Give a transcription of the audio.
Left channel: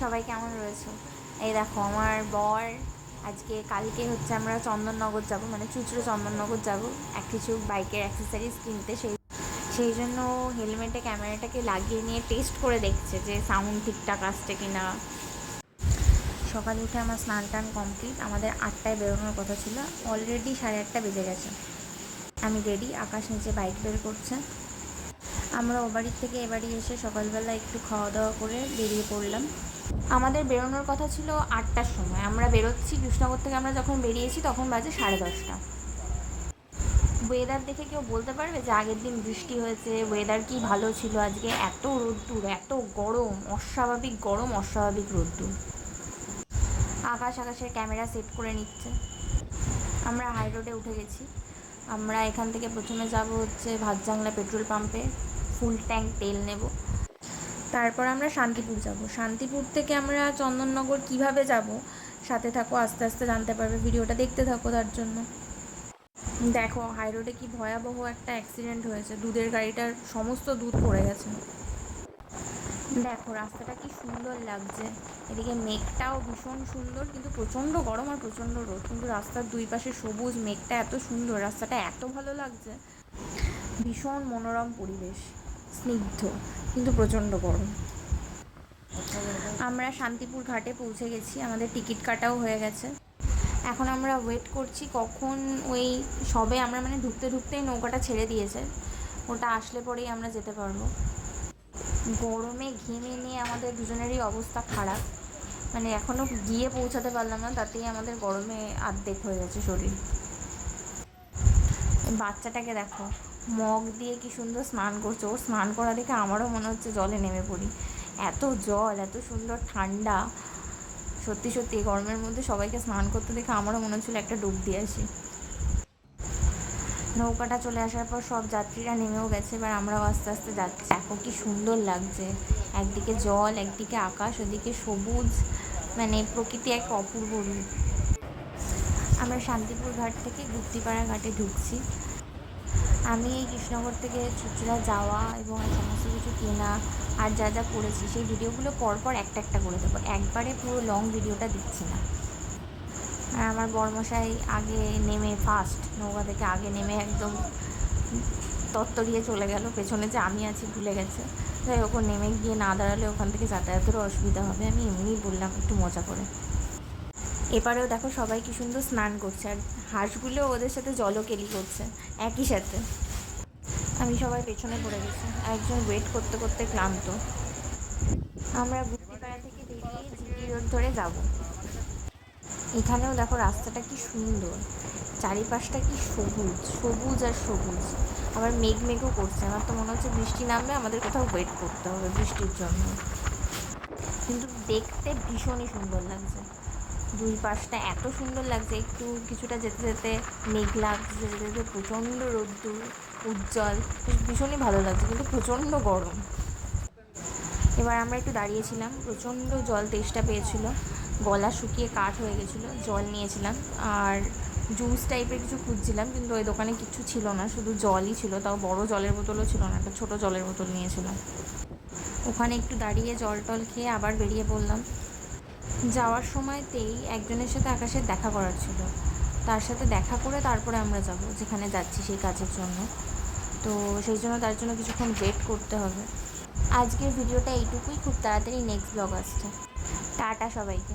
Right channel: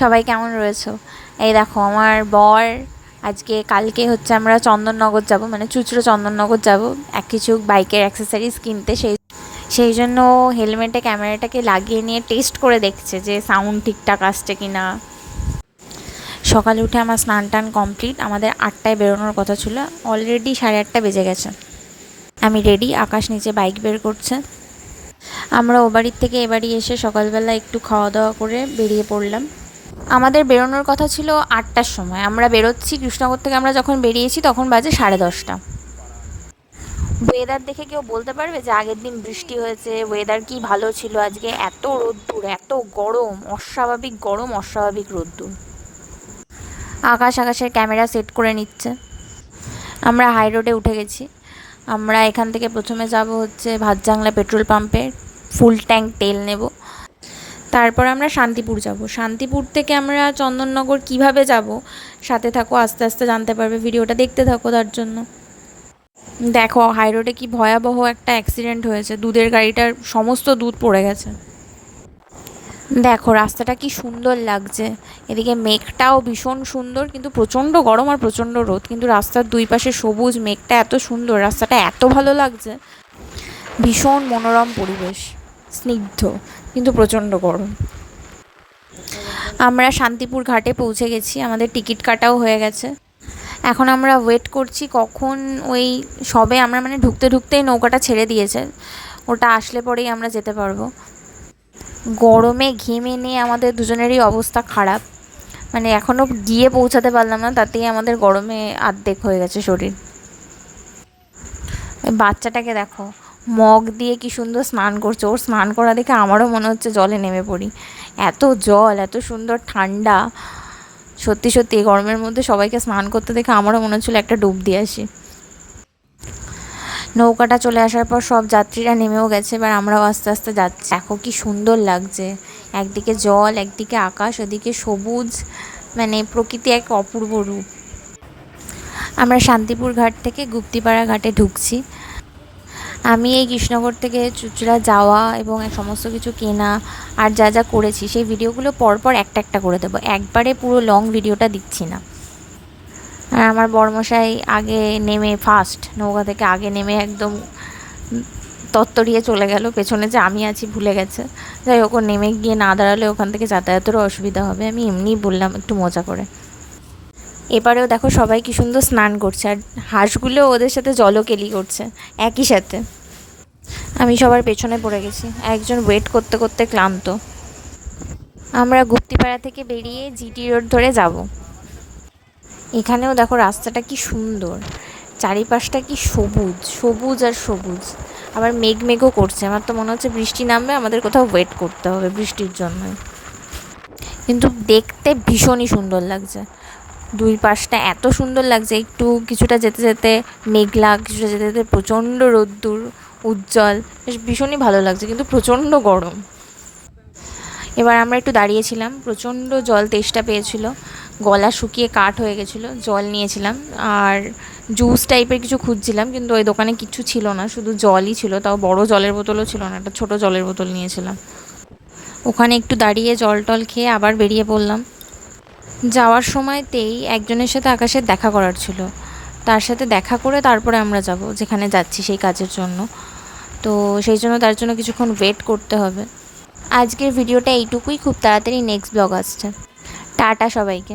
সবাই কেমন রয়েছো? এই দেখো আমার বর কালকে হচ্ছে আমরা চন্দননগর যাব, মানে চুঁচুড়ো চন্দননগর যাব কিছু বাইকের অ্যাক্সেসরিজ কিনতে। সেই জন্য হেলমেটে ক্যামেরাটাকে লাগিয়ে নিয়ে টেস্ট করে দেখছে যে সাউন্ড ঠিকঠাক আসছে কি না। সকালে উঠে আমার স্নান টান কমপ্লিট। আমাদের 8টায় বেরোনোর কথা ছিল, অলরেডি 8:30 বেজে গেছে। আমি রেডি, আকাশ নিচে বাইক বের করছে। আমরা ও বাড়ির থেকে এ বাড়ি এসে সকালবেলা একটু খাওয়া দাওয়া করে বেরিয়ে পড়লাম। আমাদের বেরোনোর কথা ছিল 8টার সময়, আমরা বেরোচ্ছি কৃষ্ণনগর থেকে। আমরা যখন বেরিয়েছি তখন বাজে 10:30। ওয়েদার দেখে কেউ বলতে পারবে যে আগের দিন বৃষ্টি হয়েছে? ওয়েদার কি ভালো ছিল আজকে! এত রোদ্দুর, এত গরম, অস্বাভাবিক গরম, অস্বাভাবিক রোদ্দুর। আকাশের ক্যামেরা সেট করে নিচ্ছে। আমরা হাই রোডে উঠে গেছি। আমরা এখান থেকে প্রথমে যাব হচ্ছে ভাতজাংলা পেট্রোল পাম্পে, ফুল ট্যাঙ্ক তেল নেব। তারপর আমরা শান্তিপুর যাব। শান্তিপুর থেকে আমরা চন্দননগর কিভাবে যাব, সাথে থাকো, আস্তে আস্তে জানতে পারবে, ভিডিওটা দেখতে থাকো। তার জন্য দেখো হাই রোডে কি ভয়াবহ একটা অ্যাক্সিডেন্ট হয়েছে, দুধের গাড়িটার সমস্ত দুধ পড়ে গেছে। দেখো রাস্তাটা কি সুন্দর লাগছে, এদিকে মেঘটাও ভীষণ সুন্দর, কিন্তু প্রচণ্ড গরম আর প্রচণ্ড রোদ, কিন্তু রাস্তার দুই পাশে সবুজ, মেঘটা এত সুন্দর, রাস্তাটা এত ভালো লাগছে, ভীষণ মনোরম পরিবেশ, স্নিগ্ধ, কিন্তু প্রচণ্ড গরম। আমরা শান্তিপুর ঘাটে পৌঁছে গেছি, আমাদের টিকিট কাটাও হয়ে গেছে। এখন আমরা ওয়েট করছি কখন ওই সবে আমরা মানে ঢুকতেই নৌকাটা ছেড়ে দিয়েছে, ওটা আসলে পরেই আমরা যেতে পারবো। গরমে ঘেমে নিয়ে আমাদের দুজনেরই অবস্থা খারাপ, মানে এখনও গিয়ে পৌঁছাতে পারলাম না, তাতেই আমাদের গরমে আর্ধেক হয়ে গেছে শরীর। বাচ্চাটাকে দেখো মগ দিয়ে কি সুন্দর স্নান করছে, ওর স্নান করা দেখে আমারও মনে হচ্ছে জলে নেমে পড়ি। এত জল, এত সুন্দর ঠান্ডা, সত্যি সত্যি এই গরমের মধ্যে সবাইকে স্নান করতে দেখে আমারও মনে হচ্ছিলো একটা ডুব দিয়ে আসি। নৌকাটা চলে আসার পর সব যাত্রীরা নেমেও গেছে, এবার আমরাও আস্তে আস্তে যাচ্ছি। দেখো কি সুন্দর লাগছে, একদিকে জল, একদিকে আকাশ, ওদিকে সবুজ, মানে প্রকৃতি এক অপূর্ব রূপ। আমরা শান্তিপুর ঘাট থেকে গুপ্তিপাড়া ঘাটে ঢুকছি। আমি এই কৃষ্ণনগর থেকে চুঁচুড়া যাওয়া এবং সমস্ত কিছু কেনা আর যা যা করেছি সেই ভিডিওগুলো পরপর একটা একটা করে দেবো, একবারে পুরো লং ভিডিওটা দিচ্ছি না। আর আমার বড়মশাই আগে নেমে, ফার্স্ট নৌকা থেকে আগে নেমে একদম তত্তরিয়ে চলে গেল, পেছনে যে আমি আছি ভুলে গেছে। যাই হোক, নেমে গিয়ে না দাঁড়ালে ওখান থেকে যাতায়াতেরও অসুবিধা হবে, আমি এমনিই বললাম একটু মজা করে। এবারেও দেখো সবাই কি সুন্দর স্নান করছে, আর হাঁসগুলো ওদের সাথে জলকেলি করছে একই সাথে। আমি সবার পেছনে পড়ে গেছি, একজন ওয়েট করতে করতে ক্লান্ত। আমরা গুপ্তিপাড়া থেকে বেরিয়ে জিটি রোড ধরে যাব। এখানেও দেখো রাস্তাটা কি সুন্দর, চারিপাশটা কি সবুজ, সবুজ আর সবুজ, আবার মেঘও করছে। আমার তো মনে হচ্ছে বৃষ্টি নামবে, আমাদের কোথাও ওয়েট করতে হবে বৃষ্টির জন্য। কিন্তু দেখতে ভীষণই সুন্দর লাগছে, দুই পাশটা এত সুন্দর লাগছে। একটু কিছুটা যেতে যেতে মেঘলা, কিছুটা যেতে যেতে প্রচণ্ড রোদ্দুর, উজ্জ্বল, বেশ ভীষণই ভালো লাগছে, কিন্তু প্রচণ্ড গরম। এবার আমরা একটু দাঁড়িয়েছিলাম, প্রচণ্ড জল তেষ্টা পেয়েছিল, গলা শুকিয়ে কাঠ হয়ে গেছিলো, জল নিয়েছিলাম আর জুস টাইপের কিছু খুঁজছিলাম, কিন্তু ওই দোকানে কিছু ছিল না, শুধু জলই ছিল, তাও বড় জলের বোতলও ছিল না, একটা ছোটো জলের বোতল নিয়েছিলাম। ওখানে একটু দাঁড়িয়ে জল টল খেয়ে আবার বেরিয়ে পড়লাম। যাওয়ার সময়তেই একজনের সাথে আকাশের দেখা করার ছিল, তার সাথে দেখা করে তারপরে আমরা যাব যেখানে যাচ্ছি সেই কাজের জন্য। তো সেই জন্য তার জন্য কিছুক্ষণ ওয়েট করতে হবে। আজকের ভিডিওটা এইটুকুই, খুব তাড়াতাড়ি নেক্সট ব্লগ আসছে। টাটা সবাইকে।